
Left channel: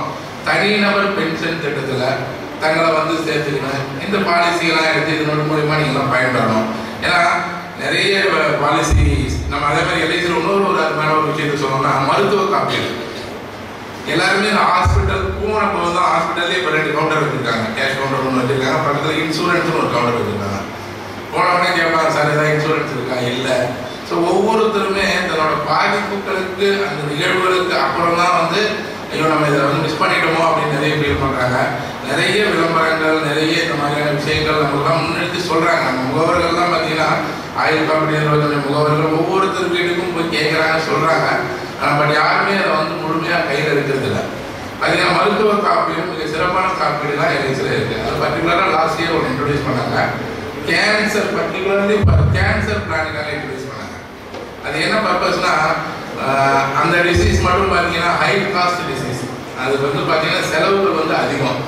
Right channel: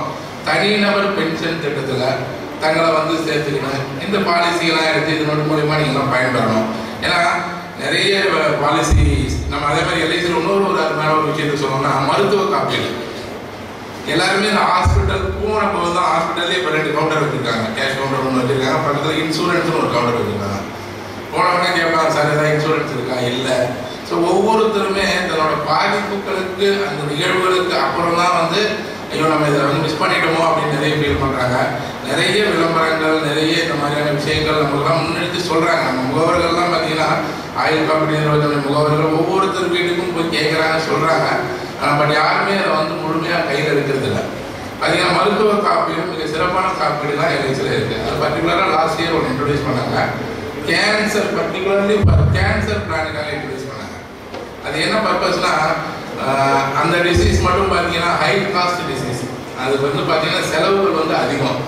தனிநபர் பென்ஷன் திட்டத்தில் தங்களை வந்து சேர்த்துக்கணும். இந்த பாலிசிகளாம் எடுத்து இதனோட மூலிமா நீங்களாம் பயன்படணும். ஏன்னா நிறைய பாலிசி நம்ம அதே மாதிரி எல்ஐசியில் இன்னொரு அருமையான ஒரு விஷயத்தை சொல்லணும்னா மருத்துவ காப்பீடு. எல்லாருமே இந்த ஹாஸ்பிட்டல் போன போது தான் ஹாஸ்பிட்டல்லே இப்போ 2 கவுண்டர் வச்சுருக்காங்க, கேஷ் கவுண்டர் ஒன்று வச்சுருக்காங்க, பக்கத்தில் இன்சூரன்ஸ்னு ஒரு கவுண்டர் வச்சுருக்காங்க. போனவொடனே கேட்பாங்க, சார் ஏதாவது இன்சூரன்ஸ் இருக்கா? இல்லை. ஸோ ஒவ்வொருத்தருமே தன்னோட பாதிப்புகளுக்கு அந்த நிகழ்வுகளுக்கு அப்புறம் தான் வந்து ஐயோ நம்ம இதை வந்து மிஸ் பண்ணிட்டோமோ அப்படின்னு நிறைய ஃபீல் பண்ணுறாங்க. நிறைய விளம்பரங்கள், நிறைய இந்த மாதிரியான விஷயங்கள் நம்மளுக்கெல்லாம் முன்னெடுத்து சொல்கிறாங்க. நம்ம முகவர்கள்லாம் பார்த்தீங்கன்னா ஆயுள் காப்பீடு நிறுவன முகவர்கள் ஒவ்வொருத்தர் வீட்டுக்கும் போய் கேட்குறாங்க, சொல்கிறாங்க. பட் யாருமே அதை வந்து முழுமையாக கையில் இருக்கிறது இல்லை. பார்த்தீங்கன்னா மருத்துவ காப்பீடு மிக சிறப்பான காப்பீடுலாம் எல்ஐசியில் இருக்குது. அது பர்டிகுலராக லாஸ்ட் இயர் ஒன்று இன்ட்ரோடியூஸ் பண்ணாங்க. கேன்சர், பர்டிகுலர்லி கேன்சர் பிளானுக்காக இன்ட்ரோடியூஸ் பண்ணாங்க. அது என்ன பர்பஸ்னா, அந்த டிசீஸ் மட்டும் பார்த்தீங்கன்னா ஹை காஸ்ட் டிசீஸ், அதுக்கு வந்து பார்த்தீங்கன்னா செலவுகள் வந்து அதிகம்.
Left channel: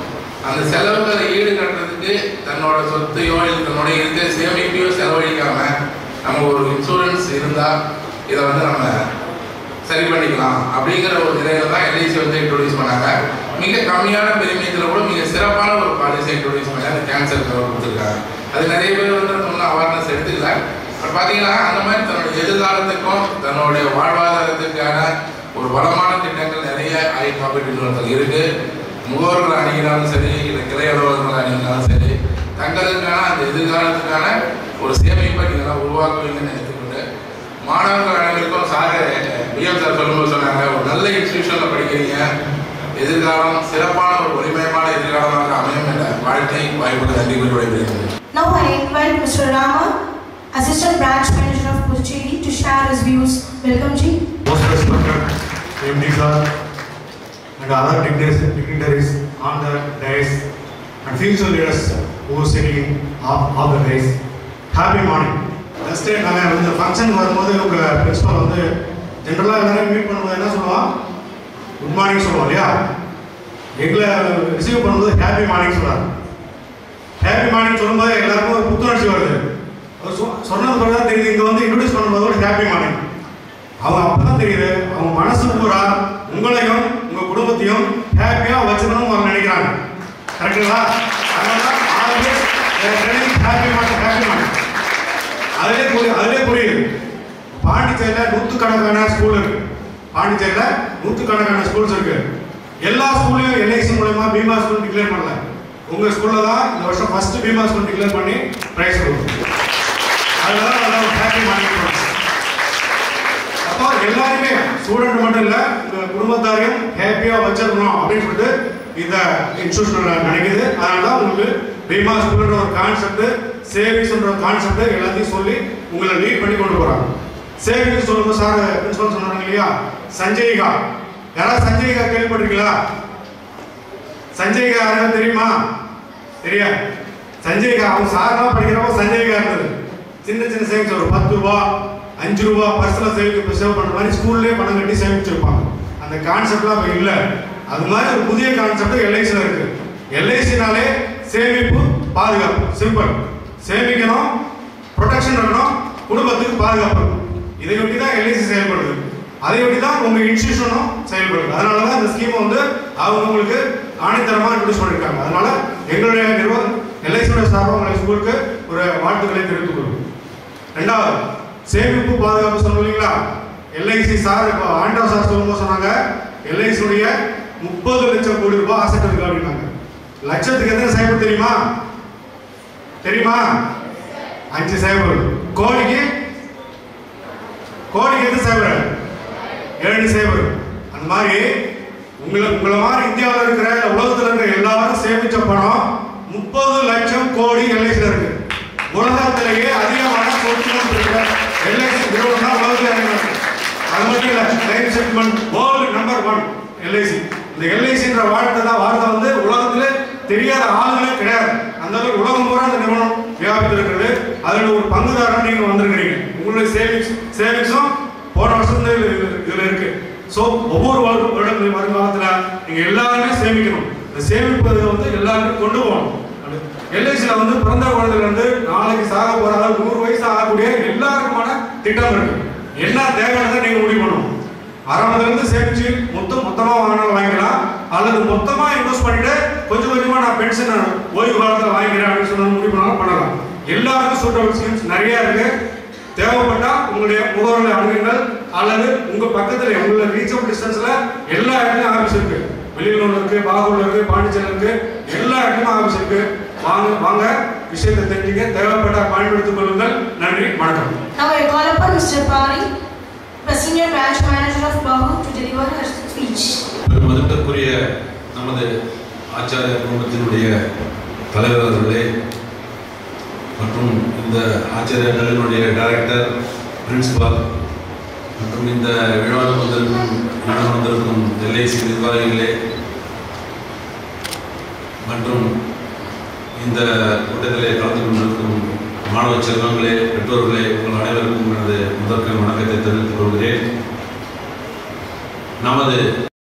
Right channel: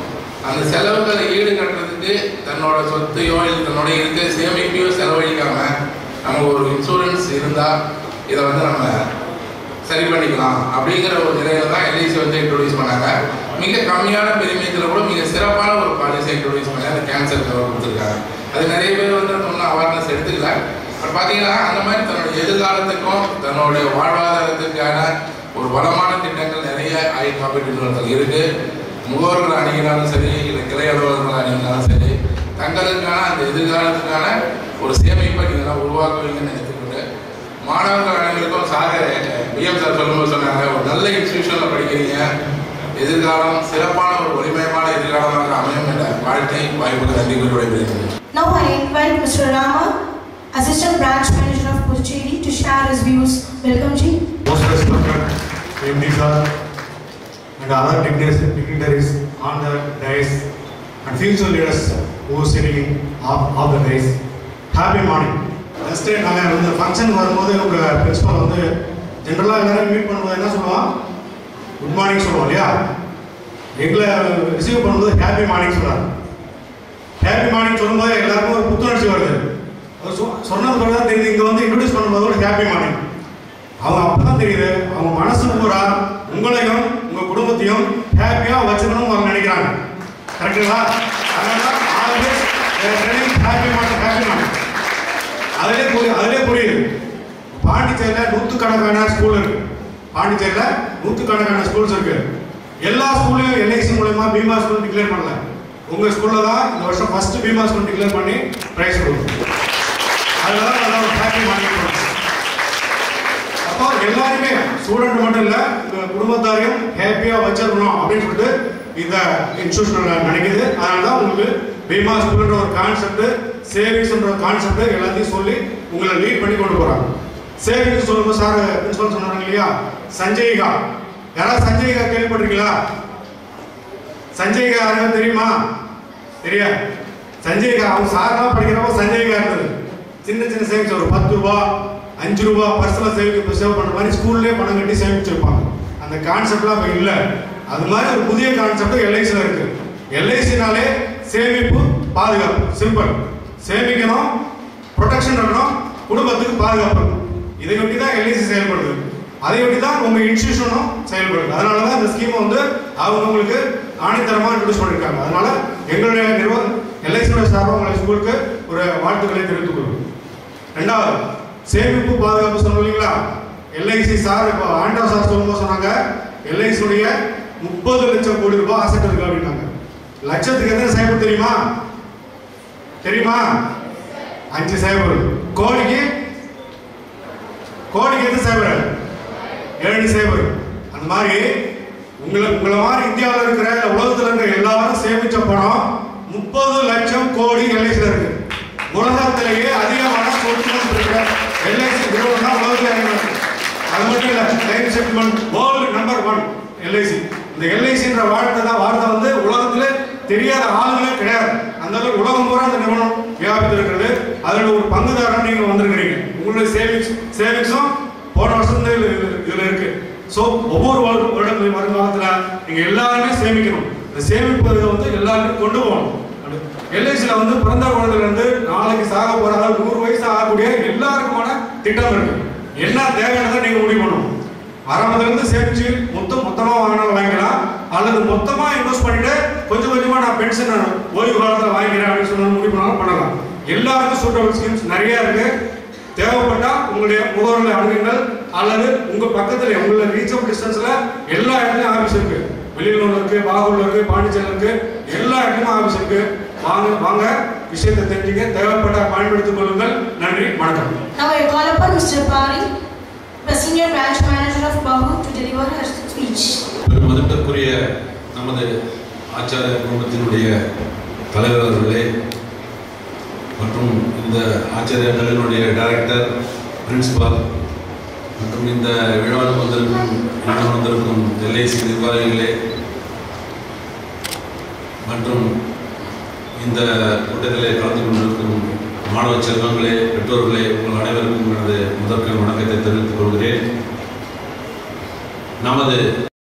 அந்த செலவுகளை ஈடு கட்டுறதுக்கு தன்னோட சொத்தையோ இல்லை தன்னோட இருக்க சேமிப்பையோ செலவழிக்காமல் நம்ம ஒரு இன்சூரன்ஸ் இருந்தால் இதை வந்து நம்ம சரி பண்ணிக்கலாம் அப்படிங்கிற ஒரு நிலையில தான் எல்ஐசி வந்து இன்ட்ரோடியூஸ் பண்ணாங்க. மிக கம்மியான பெருமியத்தில் கூட மிக சிறப்பான ஒரு பாலிசி இன்ட்ரோடியூஸ் பண்ணி அந்த கேன்சர் கவர் கொடுத்துருக்காங்க. அது நிறைய பேர் வந்து ஒன்றும் அவேர்னஸ் எடுத்துக்கல. பட் பார்த்தீங்கன்னா அந்த மாதிரி தன்னுடைய எதிர்காலத்துக்கும் தன்னுடைய வாழ்வாதாரத்துக்கான ஒரு வளமான திட்டங்கள் நிறைய ஆயுள் காப்பீட்டு நிறுவனங்கள் இருக்குது. முகவர்கள் அணுகினாலும் சரி, இல்லை கிளை அலுவலர்கள் அணுகினாலும் சரி, தங்களுக்கான அந்த எதிர்காலத்துக்கான ஒரு சேமிப்பை நீங்கள்லாம் உருவாக்குவீங்கன்னு நினைத்துக்கொண்டு, மாணவர்கள் அனைவருக்கும் சார் பிஎம் சார் சொல்லும்போது சொன்னாங்க, ஒரு நல்ல இன்ஸ்டிடியூஷனில் படிக்கிறீங்க, எதிர்காலம் சிறப்பான ஒரு ஒளிமயமான எதிர்காலமாக அமையும் என்ற வாழ்க்கை வாய்ப்புக்கு நன்றி கூறி விடைபெறுகிறேன். Now I invite Mr. Rama, Assistant Branch Manager of Puducherry, to share his views. Welcome, Ji. Most respected MD sir and other dignitaries on the dais and future leaders who are sitting on the dais. Happy morning. Just நாங்கள் இந்த function வரும்போது உங்கள் principal வந்து ஜென்ரலாக எல்லாரும் meet பண்ணும்போது என்ன சொல்லுவோம், குட் மார்னிங் சொல்லுவோம் இல்லையா? எங்களை ரிசீவ் பண்ணும்போது ஹாப்பி மார்னிங் சொல்லுவாங்க. ஹாப்பி மார்னிங் சொல்லும்போது எல்லாருக்கும் ஒரு புத்துணர்ச்சி வருது. சொன்னது பிறகு தான் தெரியுது, இங்கே வந்து இன்ட்ரோடியூஸ் பண்ணும்போது ஒரு ஹாப்பி மார்னிங். அவங்க அப்போ தான் தெரியுது, அவங்க மனசு பூரா உங்களையும் உங்கள் குடும்பத்தையும் ஹாப்பியாக வச்சுக்கணும்னு அவங்க நினைக்கிறாங்க. கரெக்டுங்களா? அதனால always happy morning, happy morning. அதிலே புரியுது. பாண்டிச்சேரியில் நூற்றுக்கணக்கான ஸ்கூல் இருக்கு. பாண்டிச்சேரியில் நூற்றுக்கணக்கான ஸ்கூல்ஸ் இருக்கு. எல்லா ஸ்கூல்லையும் எல்ஐசி மூலமா பீமா ஸ்கூல் டிக்ளேர் பண்ணல. உங்கள் ஸ்கூலில் தான் இந்த வருஷம் ஃபர்ஸ்ட் பீமா ஸ்கூல் டிக்ளேர் பண்ணி ப்ரைஸ் கொடுக்கும். அதனால நல்லா ஹாப்பி மார்னிங். அப்போ எல்லாருமே ஸ்டூடெண்ட் மட்டும் இல்லை, உங்கள் குடும்பத்தாரையும் ஹாப்பியாக வச்சிருக்கணும் அப்படின்னு சொல்லிட்டு இந்த இன்ஸ்டியூஷன் நினைக்குது. அதனால தான் உங்களுக்கு பீமா ஸ்கூல்ன்ற ஒரு கான்செப்ட், சேவிங்ஸ்ன்ற ஒரு கான்செப்ட் எல்லாத்தையும் சொல்லி உங்களை லீட் பண்ணி கொண்டு போகிறாங்க. சேவிங்ஸ் சொல்லும்போது சார் பிரின்சிபல் சொன்னாங்க இல்லையா, சஞ்சய்கா. யாராவது சஞ்சய்கா கேள்விப்பட்டிருக்கீங்களா? சஞ்சய்கா யாரும் தெரியுமா? தெரியாது. சஞ்சய்கா அவங்க சார்லாம் படிக்கிறப்போ சஞ்சய்கா இருந்தது. சின்ன சின்ன சேவிங்ஸ் ஒரு 10 ரூபா 5 ரூபா பர்சனல் சேவ் பண்ணுற மாதிரி ஸ்கூல்லேயே பணம் கட்டி சேமிச்சிருப்பாங்க. அந்த கான்செப்ட்லாம் இப்போ இல்லை. அது மாதிரி ஒரு புதிய கான்செப்ட் எல்ஐசியில் இருக்கு. எல்ஐசினாலே சேமிப்பு பாதுகாப்பு, சிம்பிள். சேமிக்கணும், ப்ரொடெக்ஷன் இருக்கணும், குடும்பத்துக்கு பாதுகாப்பு. இதை ஒட்டி தான் எல்ஐசி செயல்படுது. அதை ஒட்டி தான் உங்க இன்ஸ்டிடியூஷனும் செயல்படுது. அதனால தான் இந்த ஸ்கீமை வந்து அவங்க உங்களுக்கு ஆணித்தரமாக இன்ட்ரோடியூஸ் பண்ணியிருக்காங்க. அதனால எங்களுடைய நிறுவனம் எல்ஐசியோட சார்பாக உங்களை ஸ்கூலுக்கு ஒரு வாழ்த்துக்களை தெரிவித்துக் கொள்வோம். ரெண்டாவது, சேமிப்பு பாதுகாப்பு சொன்னோம் இல்லைங்களா? எல்ஐசி சார் இப்போ ஆண்டா சார் சொல்லும்போது சொன்னாங்க, எல்ஐசியுடைய 30 லட்சம் கோடி ரூபாய் அசெட் இருக்கு அப்படின்னாங்க. லட்சத்துக்கு எத்தனை சைபர் தெரியுமா? தெரியுமா? 5 சைபர். கோடிக்கு எத்தனை சைபர்? 7 சைபர். அந்த மாதிரி உங்களை மாதிரி இந்தியாவில் இருக்கிற உலகத்தில் இருக்கிற எல்லாரும் சேமிச்ச பணம் 30 லட்சம் கோடி எல்ஐசியில் இருக்கு. உலகத்திலேயே அதிகமான சொத்துக்கள் இருக்கிற எல்ஐசி நிறுவனம் தான் உலகத்தில் இருக்கு. அது மட்டும் இல்லை, life settlement world number 1 LIC. இந்த எல்ஐசின்ற வார்த்தை வந்து உலகத்துல தெரியாத ஆளுங்களே கிடையாது. அந்த அளவுக்கு உலகம் பூரா அந்த நிறுவனம் வியாபித்து இருக்கிறது. அதில் ஒரு பங்குதாரன் நீங்க வந்திருக்கிறீங்க. உங்களுடைய சேவிங்ஸும் போன வருஷம் இதுல இருக்கு. ஸோ ஒவ்வொரு வருங்காலத்தில் நீங்க எல்லாருமே சேமிக்கணும். இந்த சேமிப்பதை வந்து எல்லாருமே கொண்டு போகணும். எல்ஐசியில் வந்து பிறந்த குழந்தைல இருந்து நாளைக்கு சாக போற அளவுக்கு 100 வயசு ஆகக்கூடிய எல்லாருக்குமான திட்டம் இருக்கு. என்ன தேவையானதை நீங்க முடிவு பண்ணணும். ஆரம்பத்துல இருந்து சேமிச்சு மொத்தமா வாங்கிக்கலாம், அல்லது மொத்தமா இன்வெஸ்ட் பண்ணிட்டு கொஞ்சம் கொஞ்சமா நான் பென்ஷன் ஓய்வு காலத்தில் வாங்கிக்கிறேன் அப்படின்னு சொன்ன முடிவு பண்ணாலும் பண்ணலாம். எல்லாருக்கும் சூட்டபிள் ஸ்கீம்ஸ் நிறைய இருக்கு. தேவைப்பட்டா உங்களுடைய முகவர்களை அணுகுங்கள், அல்லது உங்க பக்கத்துல உங்களோட ரீச்சபிள் டிஸ்டன்ஸ்ல எல்லா இடத்துலயும் ஆபீஸ் இருக்கு. வெளியூர்ல இருக்கு, பாகூர்ல இருக்கு, பாண்டிச்சேரியில் இருக்கு, எல்லா இடத்துலயும் ஆபீஸ் இருக்கு. வாங்க விஷயத்தை தெரிஞ்சுக்க, தேவைப்பட்டா பயன்படுத்திக் கொள்ளுங்கள். நன்றி, வணக்கம். Now I call upon Mr. Pari, the senior branch manager of Bahu, to deliver her speech. மதிப்பிற்குரிய நமது ஆச்சாரிய குடும்பத்தினுடைய தலைவர்களே மற்றும் இந்த ஆச்சாரிய கல்லூரியினுடைய டைரக்டர், பிரின்சிபால் மற்றும் இந்த விழாவுக்கு வந்திருக்கும் எல்ஐசி நிர்வாகிகளே மற்றும் இந்த கூட்டத்திலே கலந்து கொண்டிருக்கும் மாணவ செல்வங்களே, பெற்றோர்களே, உங்கள் அனைவருக்கும் எனது முதற்கண் வணக்கத்தை தெரிவித்துக் கொள்கிறேன். நமது